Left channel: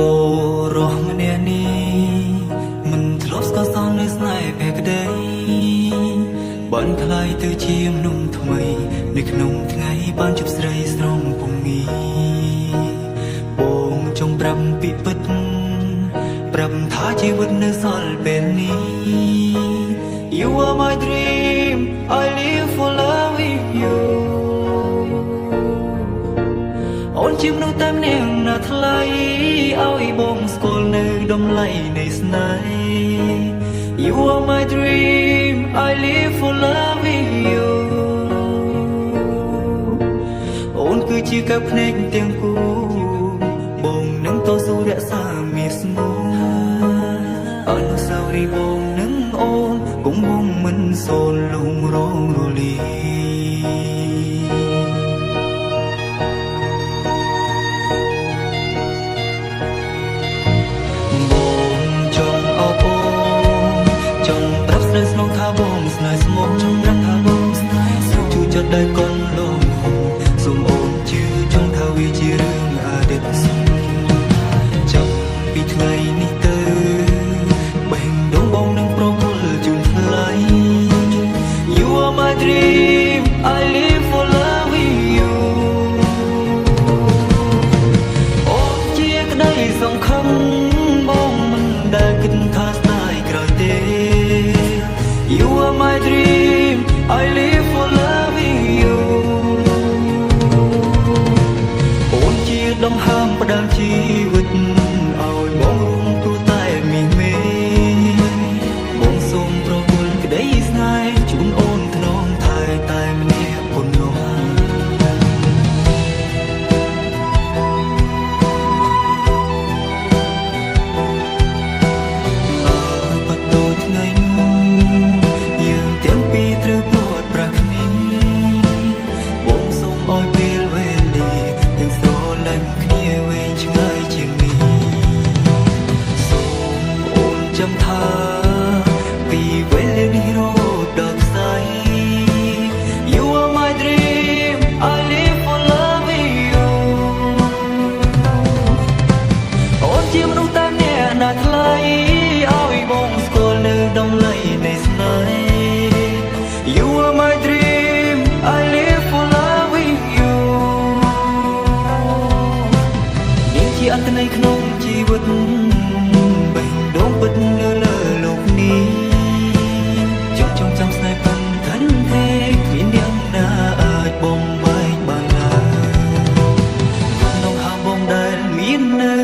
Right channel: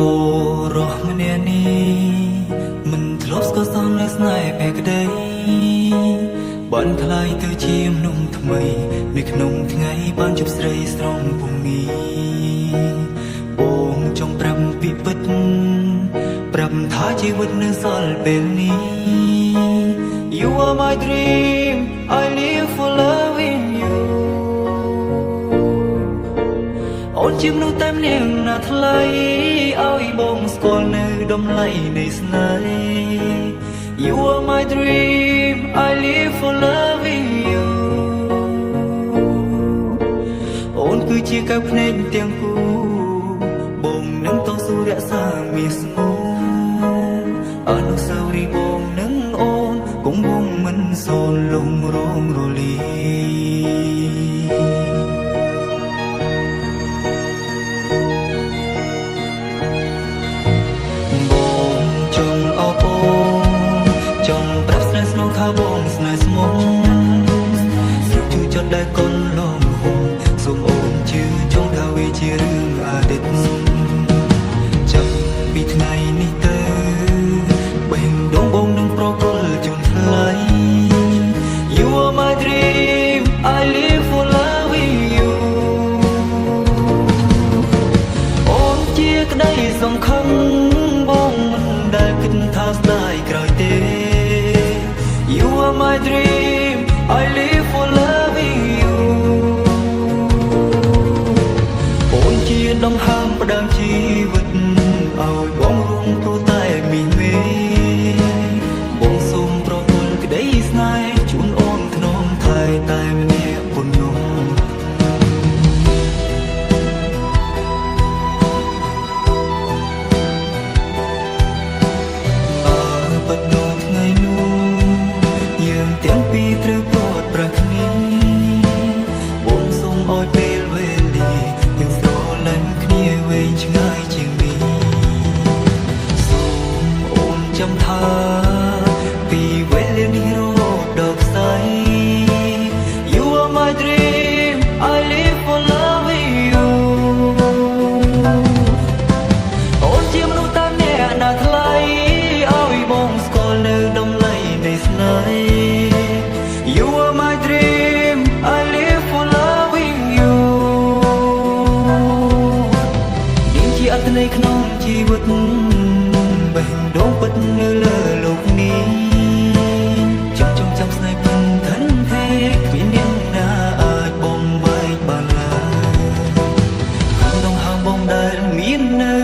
បរោះម្នាក់នេះមិនធ្លាប់ស្គាល់សងលើស្នេហ៍បែកក្ដីបានខ្លាយទៅជាមនុស្សថ្មីនៅក្នុងថ្ងៃបានជួបស្រីស្រងពងីបងចង់ប្រាប់ពីពិតប្រាប់ថាជីវិតនៅសល់ពេលនេះ You are my dream I live for loving you អូនជាមនុស្សតែម្នាក់ណាថ្លៃឲ្យបងស្គាល់នៅតម្លៃនៃស្នេហ៍ You are my dream I live for loving you អូនគឺជាកែវភ្នែកទាំងគូបងនឹងតស៊ូរក្សាមាសស្ងួនអនុស្សាវរីយ៍បងនឹងអូនគង់វងមិនសូន្យលងរងរលីបងចង់អបអូនចង់ប្រាប់ស្នេហ៍ស្នងថាបងស្នេហ៍ស្មោះជួចចិត្តដែលកូនលំហុំសូមអូនជឿចង់ថាវាជារឿងអតីតចាប់ពីថ្ងៃនេះទៅបេះដូងបងនឹងប្រគល់ជូនថ្លៃ You are my dream I live for loving you អូនជាក្តីសង្ឃឹមបងមិនដែលគិតថាស្ដាយក្រោយទេ You are my dream I live for loving you អូនជាដង្ហើមផ្ដើមជីវិតឲ្យបងរួមព្រោះតែមាសមេបងសូមប្រគល់ក្តីស្នេហ៍ជូនអូនថ្នមថែតែម្នាក់ប៉ុណ្ណោះបើបាត់ដូចថ្ងៃនោះយើងទាំងពីរត្រូវព្រាត់ប្រាសគ្នាបងសូមឲ្យពេលវេលាទាំងស្រលាញ់គ្នាវែងឆ្ងាយជាងនេះសូមអូនចាំថាពីវេលានេះរហូតដល់ស្អី You are my dream I live for loving you អូនជាមនុស្សតែម្នាក់ណាថ្លៃឲ្យបងស្គាល់នៅតម្លៃនៃស្នេហ៍ You are my dream I live for loving you នាងជាអត្ថន័យក្នុងជីវិតបេះដូងពិតនៅលើលោកនេះចង់ចាំស្នេហ៍ពិនធិនទេគ្មានអ្នកណាអាចបំបែកបានឡើយគុំដងហាងបងដែលមាននៅ